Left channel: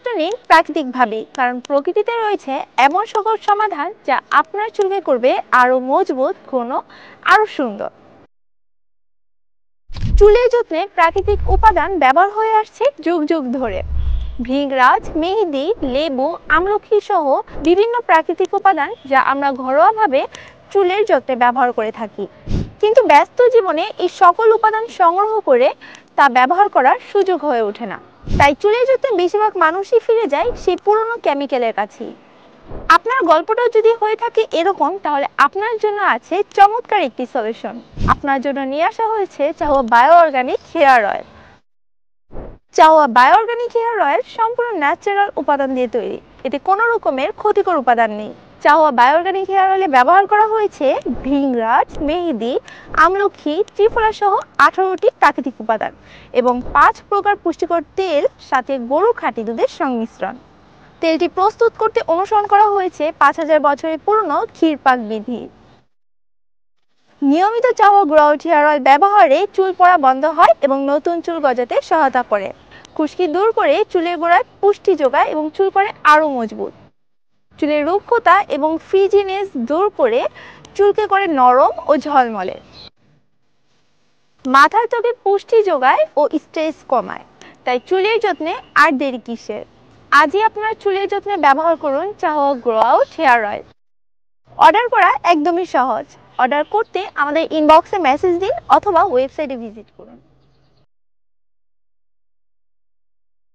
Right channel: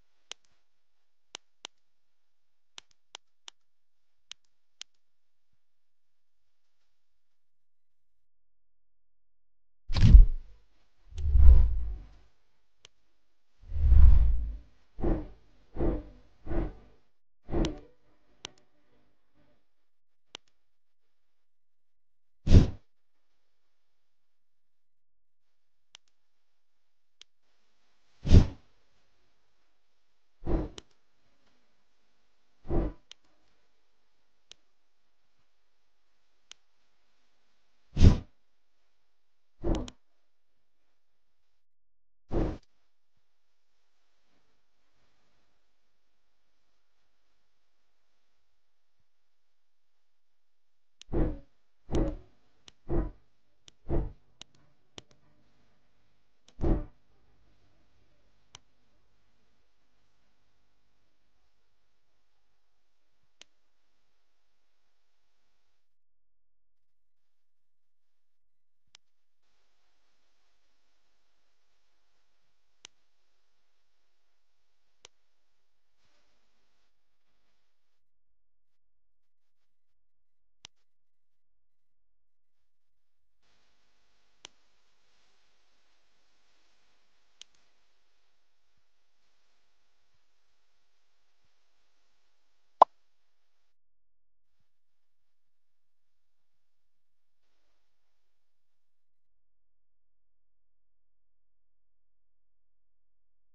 যত্ন নিন প্রাকৃতিকভাবে, কারণ প্রকৃতিতে রয়েছে এমন সকল সমাধান যা আপনার চুলকে করবে আরো মজবুত, ঘন, আরো সুন্দর। চুলের যত্নে প্রাকৃতিক উপাদান ব্যবহার হয়ে আসছে যুগ যুগ ধরে। ভৃংরাজ, মেহেদি, লেবু, আমলকি সহ বিভিন্ন প্রাকৃতিক উপাদান যা আমরা ঘরোয়াভাবে চুলের যত্নে ব্যবহার করে থাকি। কিন্তু ব্যস্ত জীবনে এই সকল উপাদান সংগ্রহ করে তা ব্যবহার করার সুযোগ হয়ে ওঠে না। তাই চুলের যত্নে বেশিরভাগ মানুষই ফিরে যায় সেই পুরনো কেমিক্যালের কাছেই। আপনার গল্পটাও যদি হয়ে থাকে এরকম, তাহলে আপনার জন্য আছে চমৎকার একটি সলিউশন। আপনার জন্য নিয়ে আসা হয়েছে চাহুয়া বায়ো অর্গানিক হেয়ার অয়েল। চাহুয়া বায়ো অর্গানিক হেয়ার অয়েল সম্পূর্ণ ন্যাচারাল উপাদান দিয়ে তৈরি। এতে কোনো রকমের ক্ষতিকর উপাদান নেই। চাহুয়া বায়ো অর্গানিক হেয়ার অয়েলে ব্যবহার করা হয়েছে ভৃংরাজ, মেহেদি, আমলকি, ত্রিফলা সহ 18টি প্রাকৃতিক উপাদান এবং 5 প্রকার পুষ্টিকর তেল, সাথে গরুর খাঁটি দুধের সংমিশ্রণ। তেলটি প্রস্তুত করতে অনুসরণ করা হয়েছে 5000 বছরের পুরনো ক্ষীরপাক বিধি। নিয়মিত চাহুয়া গ্রাউট হেয়ার অয়েল ব্যবহারে চুল পড়া বন্ধ হয় এবং নতুন চুল গজাতে সহায়তা করে। খুশকি দূর করে চুলের গোড়ায় পুষ্টি যোগায় এবং চুল করে আরো মজবুত। চুলের রুক্ষতা এবং ফ্রিজিনেস দূর করে চুলকে করে নরম ও ঝলমলে। মাথার ত্বকে পুষ্টি যোগায় ও স্ট্রেস কমায়। তাই চুলের যত্নে আর দেরি কিসের? আজই আপনার চুলের যত্নে ব্যবহার করুন চাহুয়া গ্রাউট হেয়ার অয়েল। অর্ডার করা একদমই সহজ। অর্ডার করতে আমাদের ইনবক্সে মেসেজ দিন অথবা ওয়েবসাইটে ভিজিট করুন।